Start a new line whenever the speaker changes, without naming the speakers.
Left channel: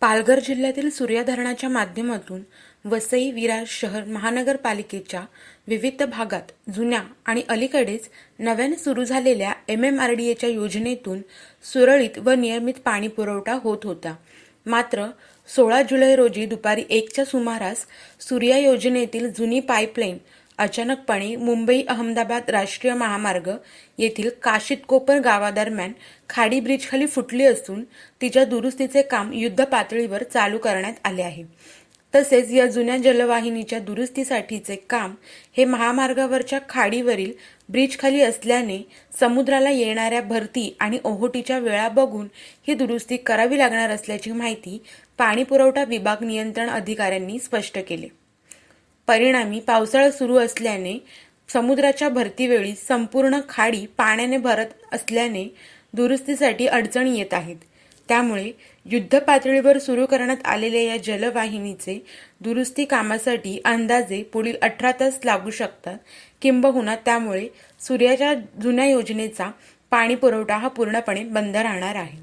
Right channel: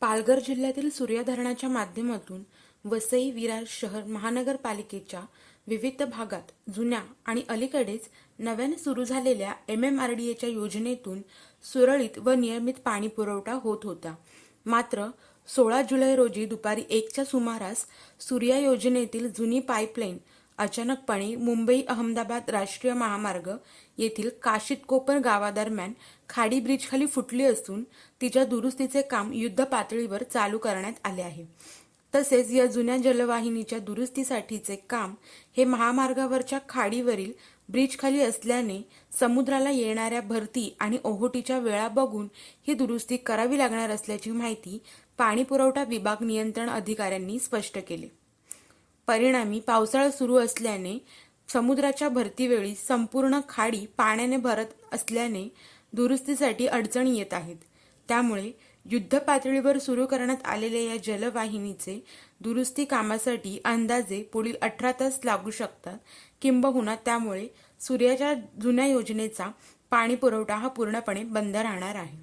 पालघर जिल्ह्यातील सूर्या धरणाच्या माध्यमातून वसई विरार शहर महानगरपालिकेच्या विविध भागात जुन्या आणि अलीकडेच नव्याने सुरू झालेल्या एम एम आर डी एच्या योजनेतून सुरळीत व नियमित पाणी पुरवठा होत होता. मात्र सोळा जुलै रोजी दुपारी एकच्या सुमारास सूर्या योजनेतील जुनी पाईपलाईन अचानकपणे मुंबई अहमदाबाद राष्ट्रीय महामार्ग येथील काशितकोपर गावादरम्यान खाडी ब्रिजखाली फुटली असून तिच्या दुरुस्तीचे काम युद्ध पातळीवर चालू करण्यात आले आहे. तसेच या जुन्या जलवाहिनीच्या दुरुस्तीसाठीचे काम हे महामार्गावरच्या खाडीवरील ब्रिजखाली असल्याने समुद्राला येणाऱ्या भरती आणि ओहोटीच्या वेळा बघून ही दुरुस्ती करावी लागणार असल्याची माहिती पाणीपुरवठा विभाग नियंत्रण अधिकाऱ्यांनी स्पष्ट केले. परिणामी पावसाळा सुरू असल्याने समुद्राच्या भरतीवेळी संपूर्ण खाडी पाण्याने भरत असल्याने दुरुस्तीसाठी अडचणी येत आहेत. त्यामुळे युद्ध पातळीवर सुरू करण्यात आलेल्या या जलवाहिनीचे दुरुस्ती कामासाठी अंदाजे पुढील अठरा तास लागू शकतात. किंबहुना त्यामुळे सूर्याच्या जुन्या योजनेचा पाणी पुरवठा हा पूर्णपणे बंद राहणार आहे.